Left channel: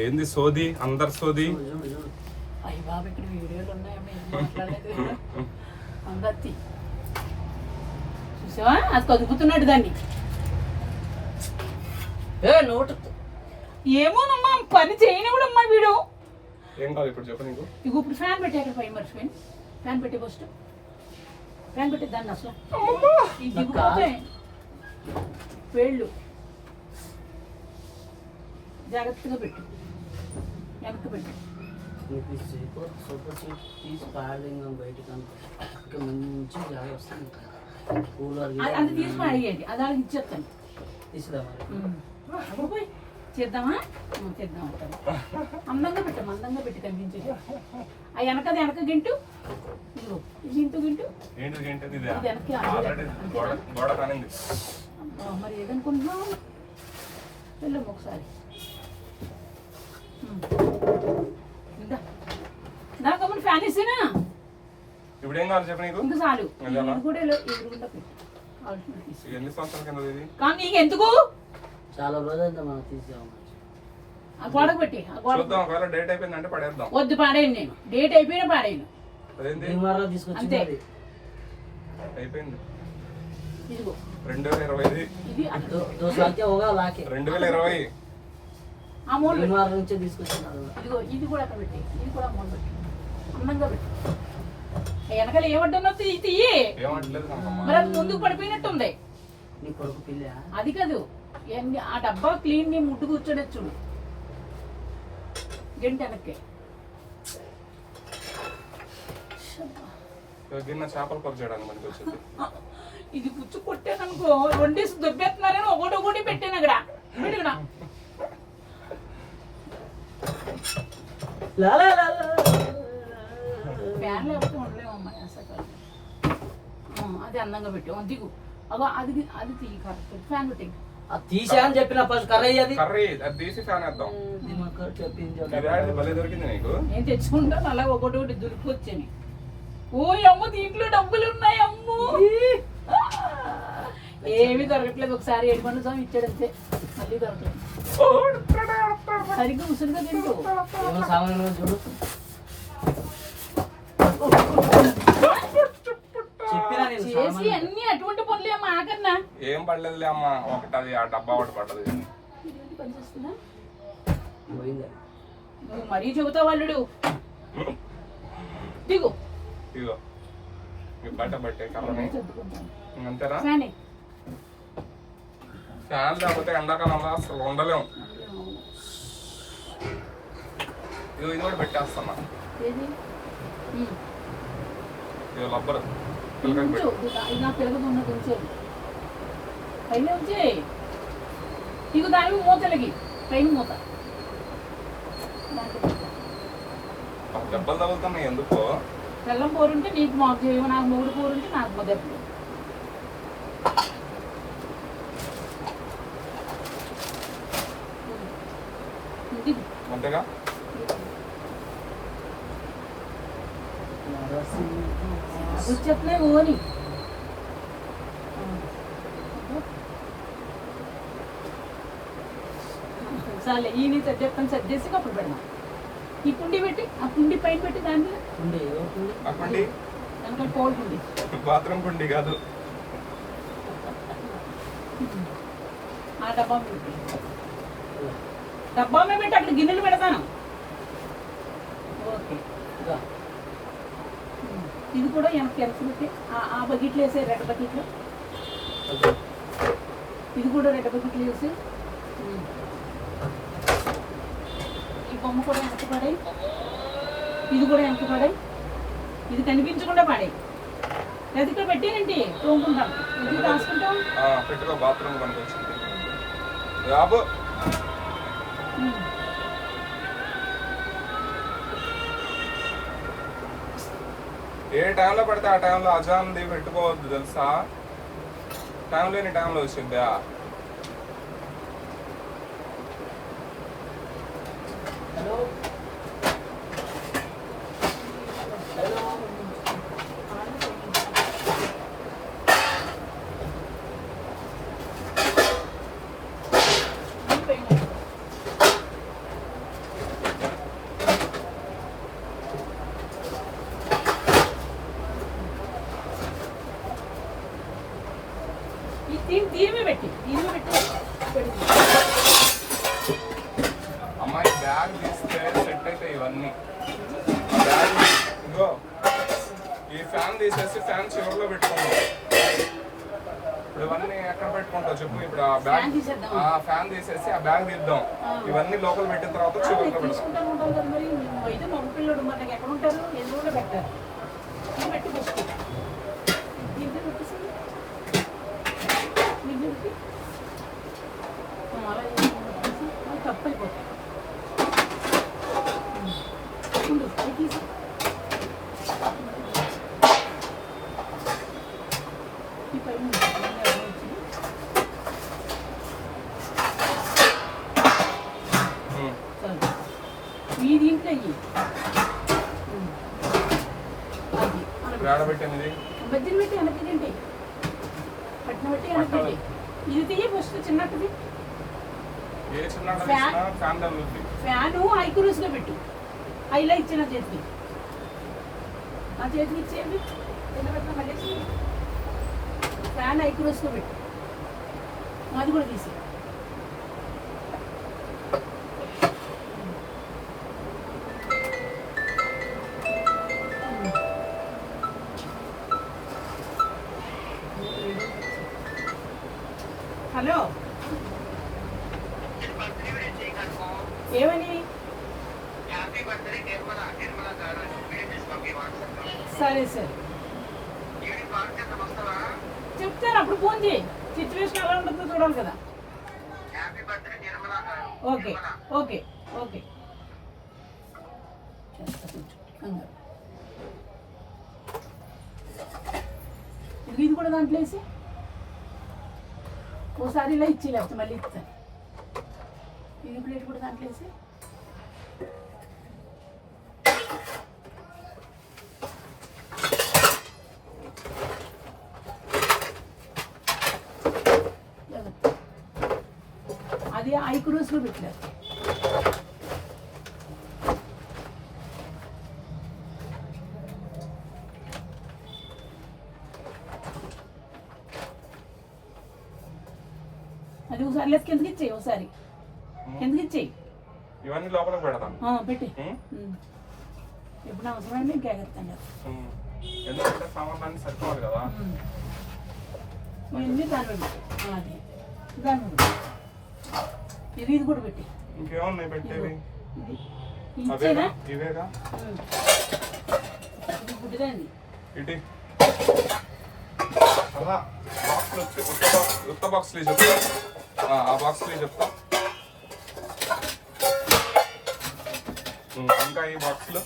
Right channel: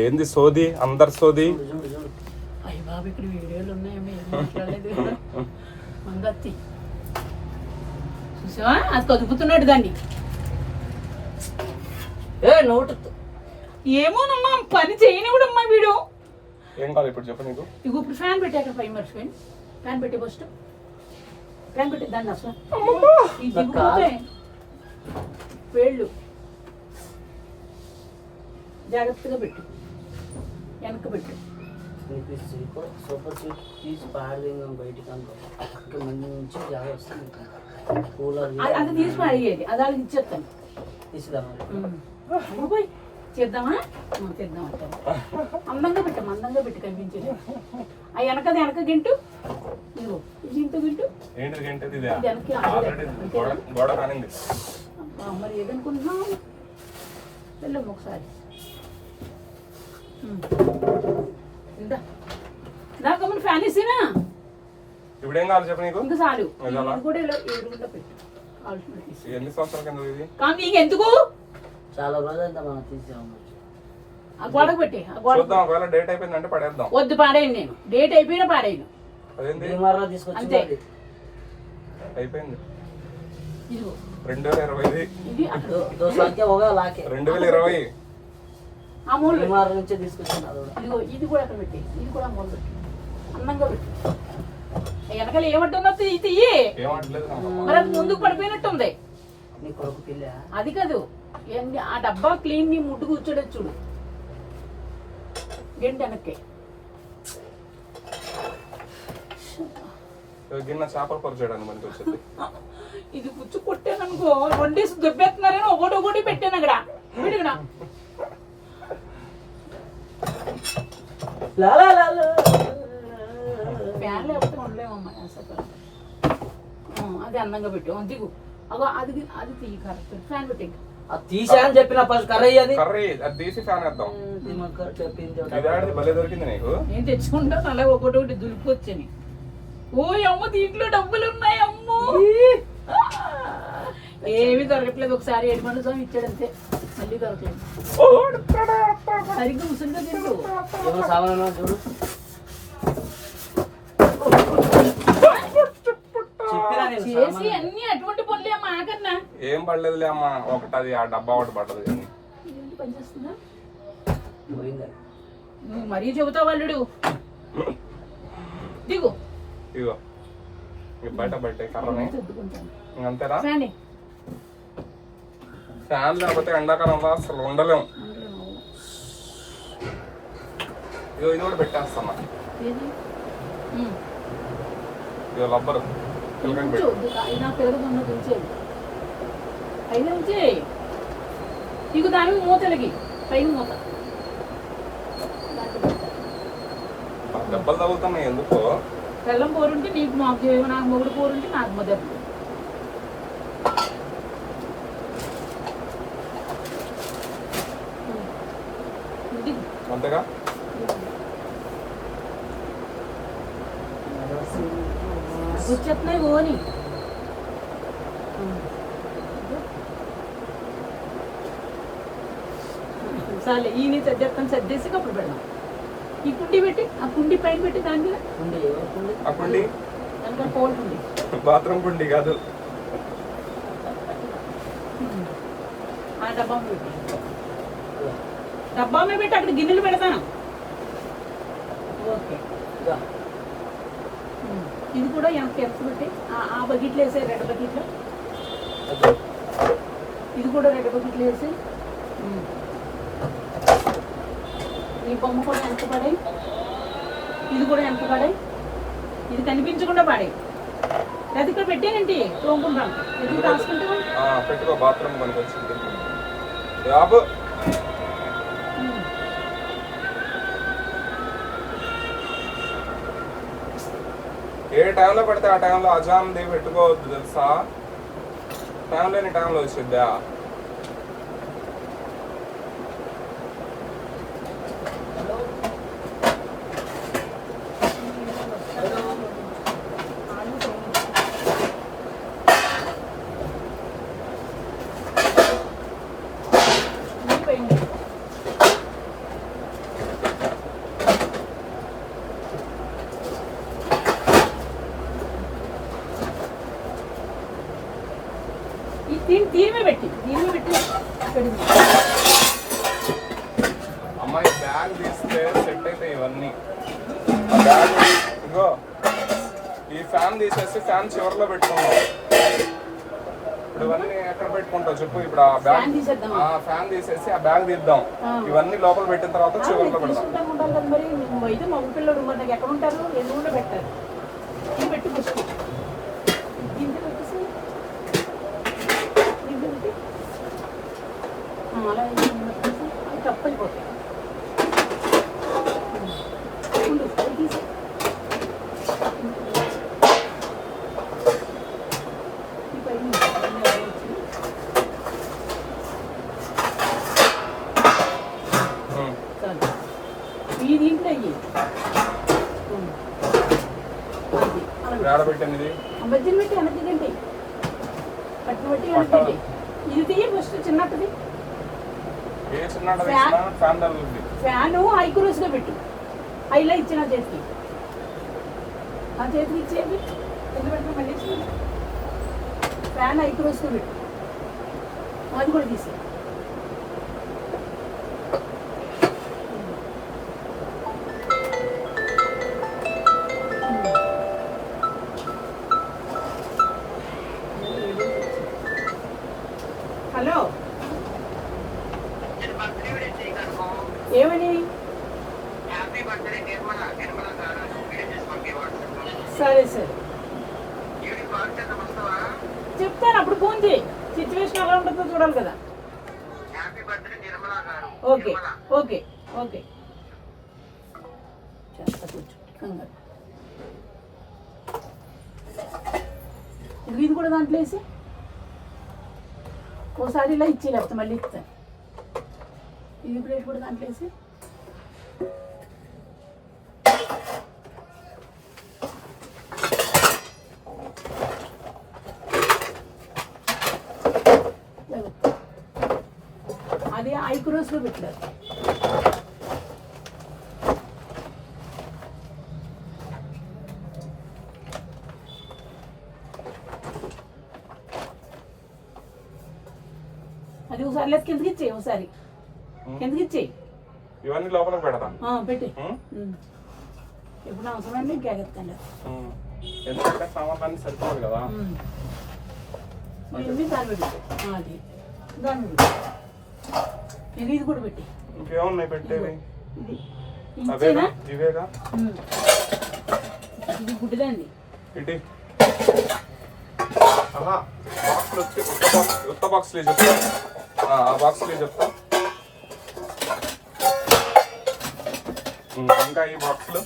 ఏంది సోది అందరు సోది. అయ్య బాబు ఇక్కడ వీడియోలు ఉన్నాయమ్మా అందరి చూసావా అది కదుపుతున్నాడు దాన్ని. నోటు ఏమోనమ్మా పని చేయనివ్వడమ్మా వీడు. ఏం కాదు ఇప్పుడు చెప్పు నీకు. ఇగో ఇప్పుడు ఫ్యాన్ పెట్టి అక్కడ పై మర్చిపోయింది. ఫ్యాన్ పెట్టి ఫస్ట్ ఫ్యాన్ పెట్టి దాన్ని అసలు వేళ్ళు జాగ్రత్తగా పెట్టు, వెనక్కి పెట్టు. సూపర్ సీట్ తీసి పాడదేంగా బయటకు అనుకో, మంచి జాగ్రత్త వస్తుంది. కూలర్ అది తీసి పాడేది, అది వాళ్ళకి ఇచ్చేస్తాను. తీసుదామా చేద్దామా? చేద్దాం అంటాను. అందంగా పెట్టాము, అందంగా పెట్టి కనిపించేది. ఆ వెనకది వెనక గింటు, ఇదిగో ఇది గింటు గింటు మరి ఏదనుకుంటున్నాం. వెళ్ళము ఒకసారి నాకమ్మ ఫ్యాన్ ఇచ్చినా ఇప్పుడు ఏం కావాలి చెప్పు నీకు. ఇంకా చాలు కూడా ఎదురుగుండా పెట్టు. ఎన్ని సంవత్సరాల కింద ఇది? కానీ నీకు ఎందుకు చాలా రోజులు మనం తీసాము. ఆ గోడకు పెట్టి ఒకవేళ డేట్ అయిపోయిందంటే పడేద్దాం. వద్దు పాడేయండి, నేను డేట్ అయిపోయినా పాడేయను. తీసుకొచ్చి అయిపోయింది. ఇదిగో 2020 ఇది 2020 ఆ మూల నుంచే తీసుకొచ్చాను. ఇదిగో ఇది కూడా అక్కడ పెట్టి, ఇది కూడా మూల పెట్టి అందంగా పెట్టి. వెనకాల ఏమంటున్నా తీయి, మరి అది ముందుకు పడిపోయినట్టుంది. అది కాదు ఏంది ఆ డబ్బా క్లీన్ ని ముట్టు కూర్చోడే చూడు. గంట వెనక్కి చేపల కూర చేయడానికి మనకి వచ్చింది. ఇది పుచ్చు కొట్టాను అనుకో, వండేసి దొబ్బెత్తున్నారని ఒకటి పెట్టాను అక్కడ. ఫ్యాన్ లేకపోతే ఉండలేమమ్మా. అది అందంగా పెట్టు, దిగు. అగో అది అది తీయి కరెక్ట్. ఫ్యాన్ పెట్టి తీసా అని చెప్పిన ఫస్ట్ కర్రీ అది తీసి ఫ్యాన్ వేద్దాం. దొరికింది నీకు. నేను తెచ్చుకుంటాను అలా ఒకటి దులిపొచ్చని. ఓ అమ్మ దీంట్లో డబ్బులు ఉన్నాయి అమ్మో. ఏమీ దొరకట్లేదు. ఒకసారి 7 మంది సార్ ఇచ్చాడు అంతే, మళ్ళీ దొరకలేదు. సరిగ్గా ముసుగుగా తింటూ చూడు. చేసి అన్ని అటువంటి పనులే అమ్మా. ఆకన్నా ఏం పడలేదులే అమ్మా, ఒకటి ఆ డబ్బా ఒకటి పడ్డది. పని చేస్తుందా నువ్వు మరీ చెబుతావు అల్లుడు. దిగు ఇగో బయట పెట్టే కర్రని అంతేనా. ఫ్యాన్ లేకపోతే ఎండాకాలంలో అసలు ఉండలేము. ఇగో ఇది కూడా పెట్టేస్తామా. ఇగో రబ్బరు ఇక దాని మూతలకి పైన మూత దెబ్బలు తగులుతున్నాయి ఎందుకో. బెల్లం కూరుంటే నీకు మాకు, నాకు మొగుడు కూరుంటే నాకు మొదటి. అంతేగా వచ్చేస్తున్నాయి ఓని. చాలే ఈయన సర్దేస్తాను, సర్దేసి అప్పుడు పెడదాం. ఈ కుండి పెట్టి ఆ కుండి పైన పెట్టి దాని మీద దానికన్నా పోల్ కుండి, బాత్రూమ్ కుండి కాదు. ఆ డబ్బా పెట్టి డబ్బా మీద పెట్టి అక్కడ గిన్నెలు పెడతాను. ఓకే ఇది కూడా ఎంత పెట్టి ఆ బకెట్లు వేసే, రెడ్ బకెట్లు. ఇది కూడా రెడ్ బకెట్లు వేసి ఈ బొమ్మ కూడా ఎంత పడాయి, ఇది కూడా ఎంత పడాయి. ఇది కనిపించకుండా పడాయి. లేదా ఇక్కడ పెట్టానంటే తోముకుంటాను. ఎందుకు రాసుకుంటాం. పెట్టుకో బాత్రూమ్ కనిపించింది. ఏ టైంలో పడితే ఆ టైంలో అజాన్ది పెట్టుకోవద్దు తెలుసా. టైం లేని టైంలో వచ్చిందా. తీరిమే పెట్టి పెడుగు. అమ్మాయి బ్యాగ్ తీస్తే సెట్ అయితే ఇవన్నీ ఆ బ్యాగ్ ఇగో ఈ ఫ్యాన్ తీసేసి ఫ్యాన్ చివరిలో పెట్టుకున్నాం. ఇప్పుడు ఇవన్నీ ఎక్కడ పెట్టుకుంటావు చెప్పు. ఇప్పుడు ఆ బ్యాగ్ ఫ్యాన్ తీసేద్దాం. ఆ ఫ్యాన్ తీసేసి ఆ బ్యాగ్ తీద్దాం. ఇవన్నీ లోపల పెట్టిన తర్వాత చివరిలో పెడదాం. తీసుకుంటాను ఉంటాను కదా మరి. నువ్వు అయితే మగ పిల్లడు మరి నాకు ఎక్కడ ఉంటారు? ఎన్నో పెట్టారు. ఇది పెట్టి ఫస్ట్ దీంట్లో పెట్టేసి దీంట్లో పెట్టి అలా పెట్టేసి అది తప్పు అయిపోతాయి. ఉండు, అది తీసి ఈ పైన ఈ దీంట్లో అయ్యి అది ఆడబెట్టింది బజ్జీలు పెట్టి వెనక్కిండి పట్టిన బట్టి వెనక్కిండి. ఇది తీయ ఫస్ట్ చిన్నట్టుది. ఏ చిన్న ఫ్యాన్ తగ్గుతుంది. ఫ్యాను హై క్రూస్లో పెట్టు. హైలో ఇచ్చిన చేతికి ఆ చేతికి ఇచ్చేది ఎంత పెట్టిన కలిసి ఫ్యాన్ హై క్రూస్లో పెట్టు. అది కూడా తీసి హలో ఏమని? సరే సరే చెప్తాను అప్పుడు ఫోన్ చేయి. సిచ్యువేషన్ ఎలా ఉంటుందో చూడాలి కదా. ఓకే ఓకే ఓకే చేస్తా కొంచెం కంగారు. ఇది కూడా దాంట్లో వేసి ఓసారి ఇలా ఇచ్చి లేకపోతే మళ్ళీ ఇస్తాను. ఇది ప్లేట్ కూడా దాంట్లో వేసి అది ఐక్రోస్లో పెట్టలేదు. అది ఒకసారి లేదు కిందకి ఇచ్చేయి. ఒకసారి కిందకి ఇచ్చేయి. ఇవన్నీ లోపల పెడతాం. పెట్టి ఎప్పుడు అవసరమైంది ఇంకెత్తండి. ఎందుకంటే సామాన్లు సరిపోదు కదా. ఇవన్నీ దాన్ని పెట్టి అది దాన్ని పెట్టి ఇది కూడా పెట్టి ఇంకేమున్నాయి పెట్టేవి? ఇది అవేనా? ఇచ్చేనా? ఇవేగా ఇది గుడ్డిదండి. ఇటీ అలా బాక్స్లు వచ్చి ఉత్త బాక్స్లే చెప్తా. ఆ బాక్స్లే చెప్తా. ఇంకా ఈ బాక్స్లు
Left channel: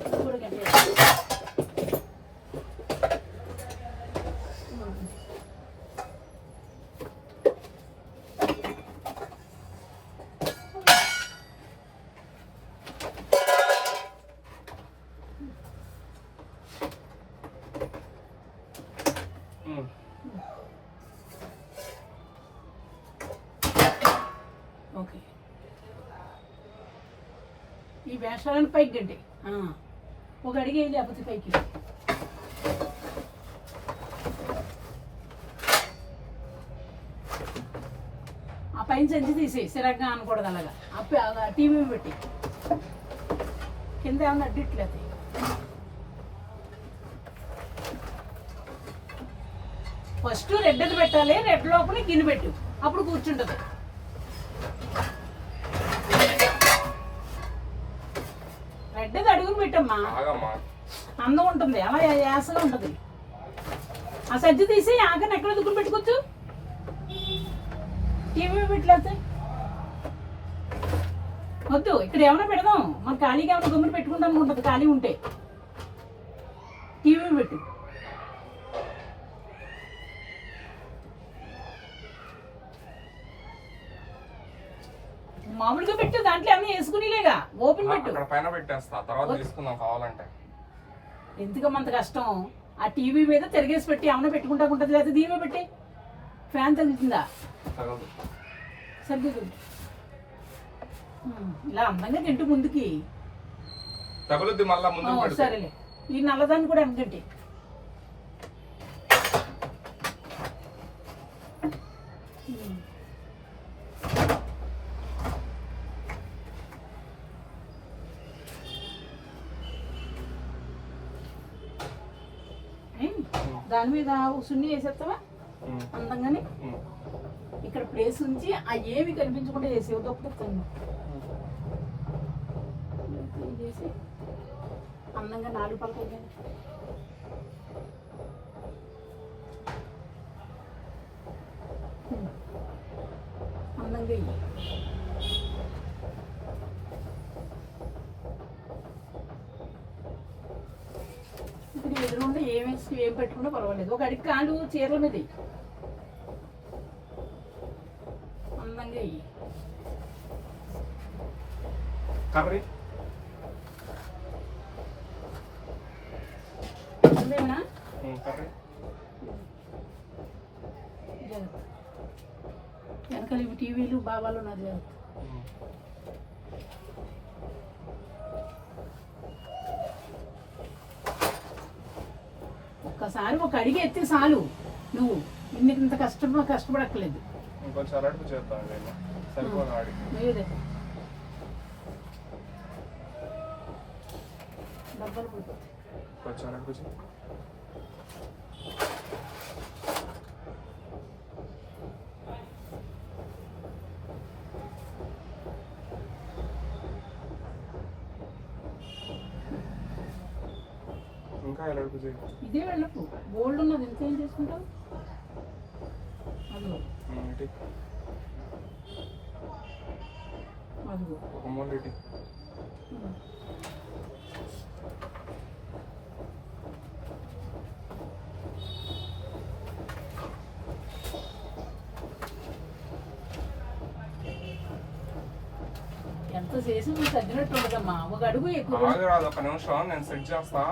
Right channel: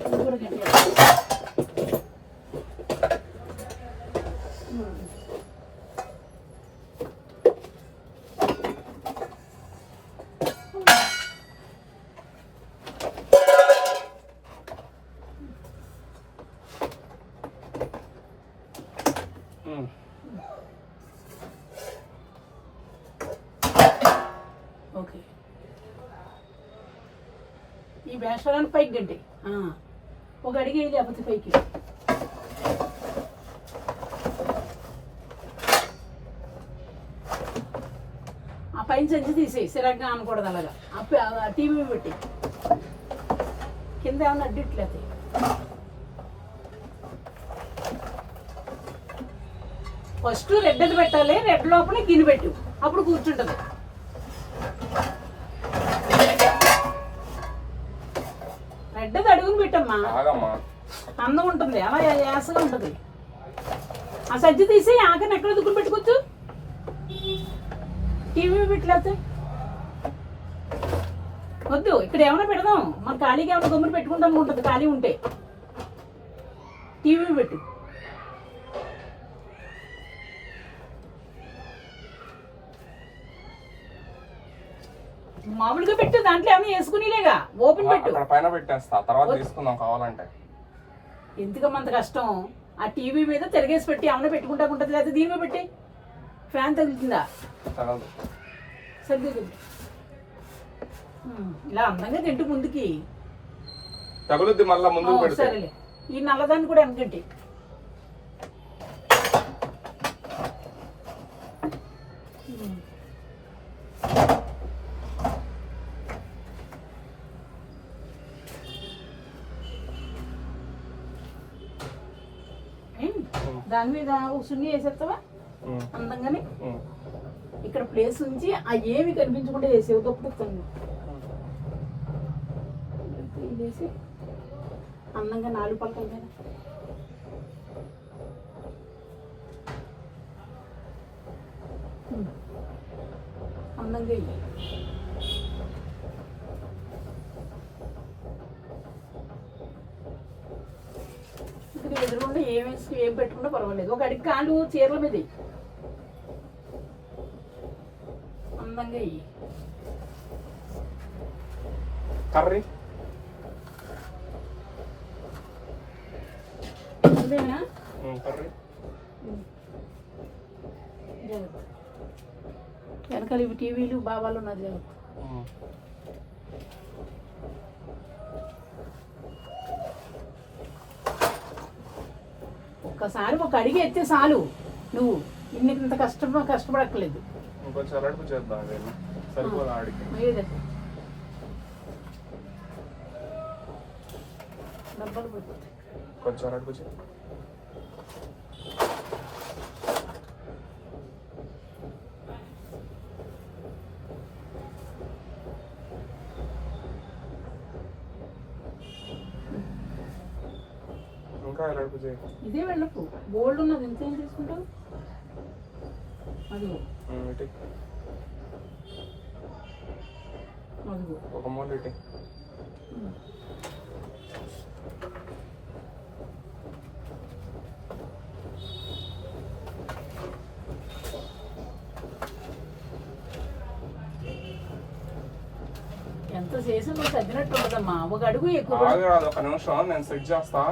ఇది కూడా గట్టిగా. ఓకే ఈ వేషాలను పైకి గంటే ఒక అడిగి లేకపోతే పైకి ఆ పైన సంచి తీసేయి. సిరగ్గా అనకూడదు అలాగా. టీవీ పెట్టి కింద ఏమన్నా అడ్డిట్లేదు. ఫస్ట్ రెడ్ అది పెట్టాలి. రెడ్ లోపల గిన్నె పెట్టు. అప్పుడు కూర్చుంటుంది. రెడ్ అది అడుగుని పెట్టమ్మా. అందం ఉంటుంది. అలా యాసగా ఉంటుంది. ఆ సజ్జి తీసి ఆకని ఎక్కడ దుక్కుని పెట్టుకోవచ్చు. టీవీ పెట్టలేకపోతే వద్దు. ఇక్కడ ఏమైనా పెడదాం. మన ఖాళీగా ఏమైనా గమ్ముని పెట్టుకుంటాం ఉంటుంది. ఖాళీ ఉంటే టీవీ పెట్టు. మామూలుగా పెట్టు. దాంట్లో ఏమైనా వేసుకునిలేగా. ఓపెన్ పెట్టు. పైన పెట్టేస్తా. తర్వాత తీసుకుందాం కావాలంటే. ఎందుకమ్మంత కష్టం? ఆ టీవీ మీద తిరిగేసి పెట్టి ఏమైనా పెట్టుకుంటా ఉంటుంది. లేదా దీని మీద పెట్టి ఫ్యాన్ తగులుతుందా? తగలదు. సర్దుతుంది. ఇలా అందంగా తింటూ ముందుకి. తగులుద్ది మళ్ళా ముందుకు పెడితే. సరేలే, ఈ నల్లదాన్ని కూడా వెనకంటి. దాని మీద సున్ని వేసేస్తావా అందంగానే? ఇక్కడ ప్లేస్ ఉంచి ఆ ఏమి కనిపించకుండా చేసేవి తప్పుతాను. చేసి అందంగా 4 పలకల మీద అందంగా ఇవి. ఇక్కడ ఎదురుకుండా ఏం పెట్టుకుంటే పర్వాలేదు. ఒక అడిగి కాళ్ళు చీరల మీద అందంగా ఇవి. కర్రీ ఇదేనా? కర్రీ జాగ్రత్త. వెనకాల ఇవి టీవీలు బాబాలు నా జాగ్రత్త. ఒక్కసారి ఒక అడిగి ఎత్తే చాలు. నువ్వు ఇంత కష్టపడక్కలేదు. కొంచెం అలడుపు చేద్దాం. సరిపోదు ఆడికి. డబ్బాలు పడిపోతాయి. కొంచెం అలడుపు చేద్దాం. ఇంకా అలడుపు చేయి. ఇదే వెళ్ళపు బోల్డ్ ఉన్నది. ఎంత ఏం చేసుకుంటావు? అదిగో అదిగో ఒక మూల ఇటీ. ఎంత చేసి నువ్వు తగ్గినట్టు ఉండదమ్మా. ఒక అడుగు ఎక్కువ. ఒక నిమిషం నేను సెట్ చేస్తా.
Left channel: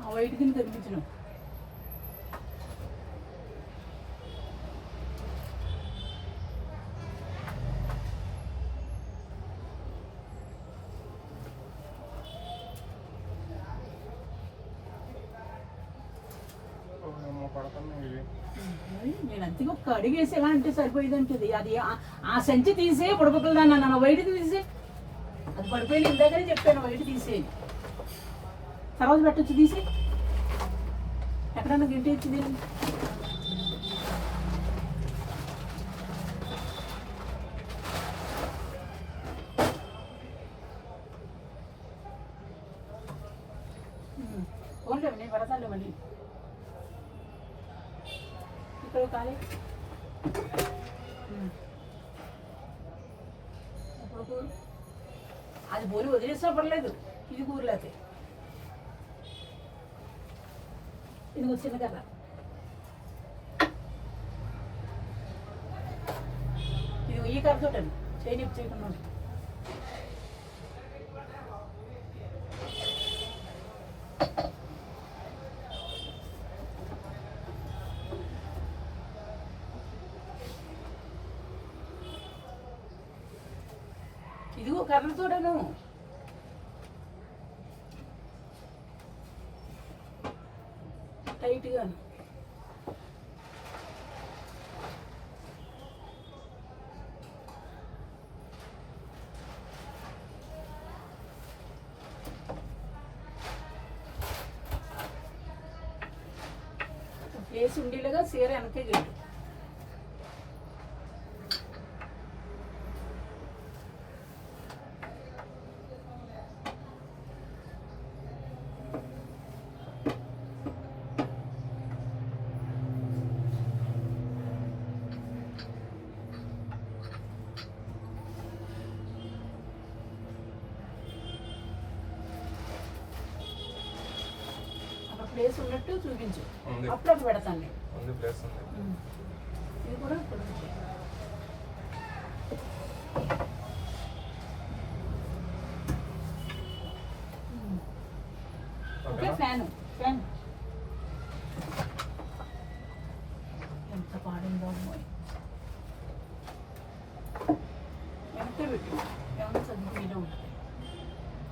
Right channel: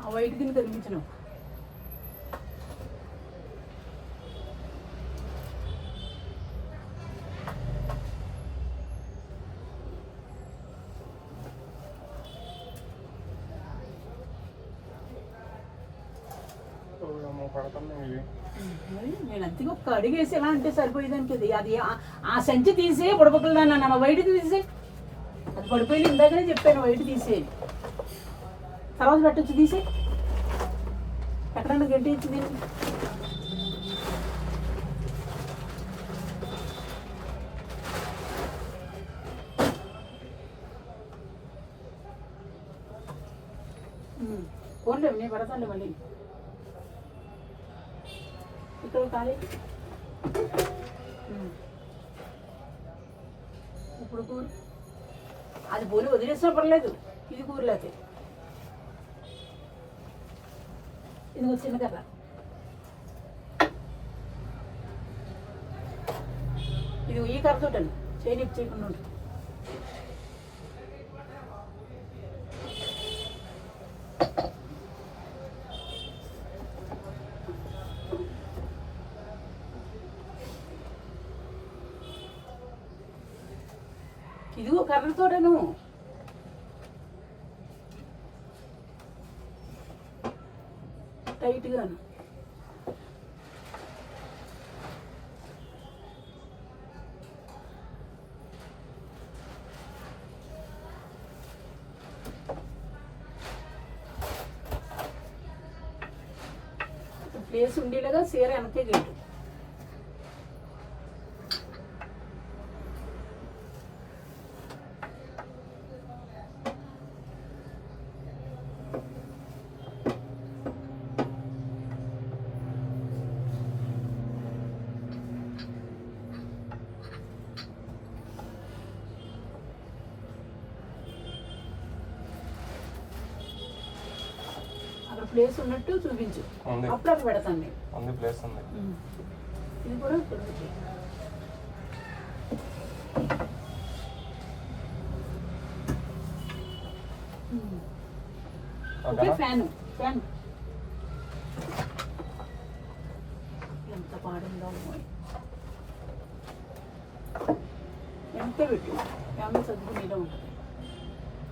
ఆ వైట్ కింద కనిపించను. నేను అంతగా ఒక్క అడుగు వేసి ఎలా అంటే సరిపోయేదంటది. అది ఆ సంచి తీసే పొడపకలదాన్ని అన్న వైట్ తీసే. అది పడిపోయి ఇందాకనే చెప్పాను వైట్ తీసే. తర్వాత పెట్టచ్చు తీసే. ఎక్కడన్నా గడ్డి ఇచ్చింది. పోన్లేవు నేను పెడతాను మళ్ళీ. ఇక్కడ కాలే ఇప్పుడు కూర అది పోని వదిలేసినా పర్లేదు. ఇది కూరలేతే ఇది చిన్న కర్ర. ఇది ఈ కర్రతోటండి చేయనిప్పు చేయకుండా ఉంటుంది. ఇదిగో కర్రతోటను. టైట్గాను. ప్లేస్ ఉండేలాగా చీర వెనకే గెట్టు. ప్లేస్ ఉన్నట్టు చూపించు, ఉంది అప్పుడప్పుడు పెడతాను నేను. ఉంది ప్లేస్ ఉంది. ఇది కూడా ఇక్కడ ఉంది. ఓకే, ఫ్యాన్ ఫ్యాన్ ఎంత పాడుందో అమ్మాయి. ఎంత పెట్టు ఫ్యాన్ చదువు మీద ఉంటుంది.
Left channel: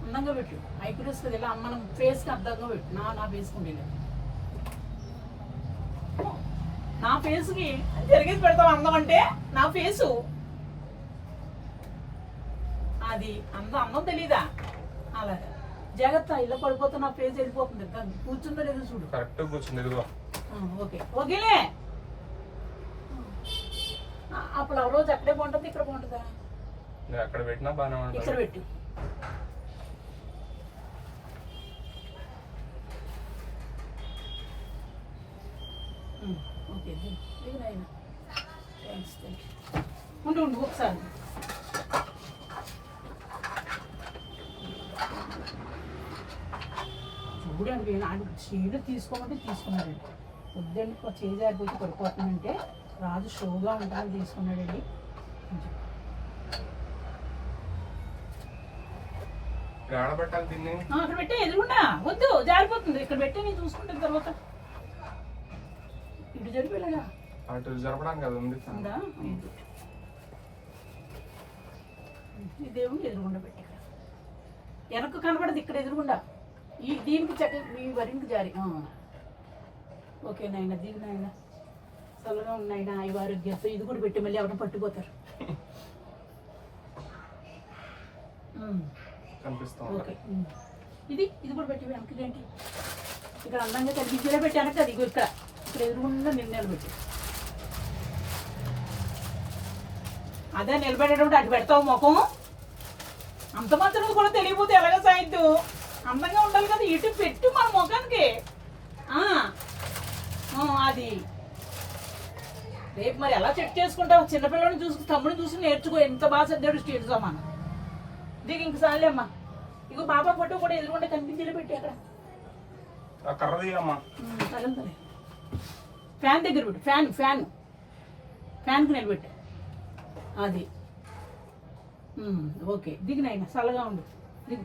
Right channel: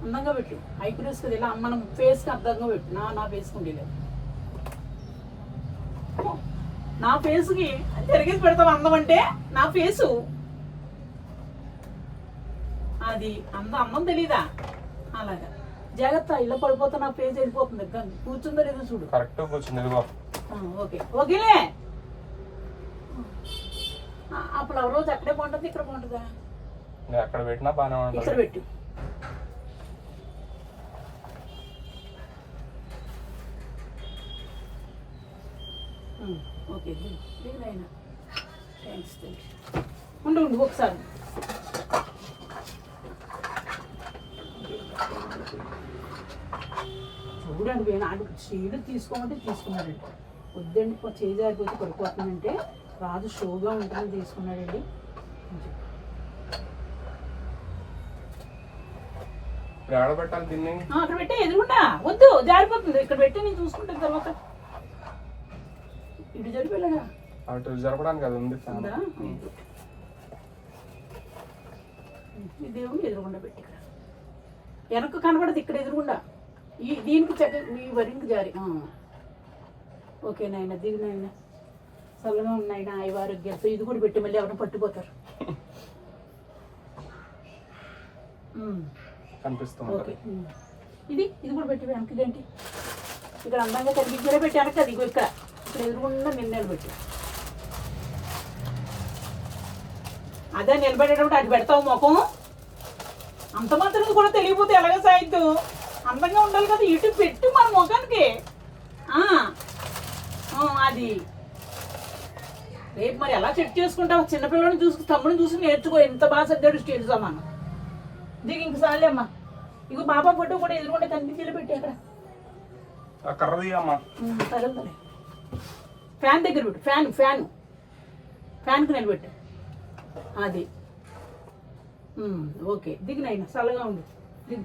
అందంగా పెట్టు, ఐక్యూస్ కదా, ఇలా మనం ఫేస్కి అర్థంగా పెట్టు. నా ఫేస్కి ఉండేది, నా ఫేస్కి తిరిగేసి పెడతావు అందం అంటే. నా ఫేసు అది అందం తెలీదా? అలాగా జాగ్రత్త, ఇలా పడిపోతే నా ఫేస్ వెళ్ళిపోతుంది. కూర్చుందో లేదో చూడు. కరెక్ట్ కూర్చుంది. ఇదిగో ఓకే ఓకేలే. అప్పుడు ఆ రోజు అక్కడే బాగుంటుంది, ఇక్కడ బాగుంటుందా? ఎక్కడ పెట్టినా బాగానే ఉంటుంది. ఇక్కడ పెట్టు. ఓకే దిగురాయన. థ్యాంక్స్ ఉండు ఒకసారి. చూడండి, నాడు స్టీలు తీసుకోమంటే తీసుకున్నాడండి. వద్దండి చేజారిపోతే పడిపోతుందంటే రాజు షోగా ఉంటుందని తీసుకున్నాడండి. ఆడబెట్టాలి దీన్ని. అక్కడ పెట్టే ఎదురుకుండా వద్దు, జారిపోతుంది. ఇక్కడ పెట్టి నేను చూసుకుంటాను తర్వాత. ఇటు జరిపోయాగా అటు జరపడానికి అది ఉంది. ఈ దేవుడిని ఎదురుకుండా పెట్టి ఇక్కడ వెనక్కు కనబడదు, ఇక్కడ ఎదురుకుండా. దీనికి ఈ వరికి జారి. ఓకే నాయన, దిగు నాయన, చల్లగా ఉన్నాయన, ఈ ఆరోగ్యంతో. ఇది కూడా పెట్టి మళ్ళీ ఎవరైనా పట్టుపోతారు. ఓకే, ఇది కూడా పెట్టి వెనక్కి. ఇదేంటి ఇక్కడ అందంగా కనిపించేలా పెట్టి వెనక్కి. అది ఇక్కడ ఎదురుకుండా నిలబెట్టి. అదే నిలబెట్టేటప్పుడు అటు పెడతావు ముఖం. అంత మాత్రం కూడా తెలియపోతే ఎలాగ సాయిద్దు? అందంగా ఉండాలి కదా, ఇటు పెట్టు మన ముఖానికి. అది రేపు మరి ఎలా చెక్ చేసుకుంటావు? చిన్నపిల్లడిని చూసి తమ్ముడిని చూసి నేర్చుకో. ఎంత బాగా సర్దాడు స్టేట్ సమానం. దీనికి ఇంక సాలే అమ్మా. ఇక బాబా ఫోటో కూడా ఎదురుకుండా కనిపించేలా పెట్టి అక్కడ. సరే, ఫ్యాన్ దగ్గర పెట్టు. ఫ్యాన్కి నిలబెట్టు. అది ఓకే, దిగినైనా చల్లగా ఉండు. దిగు.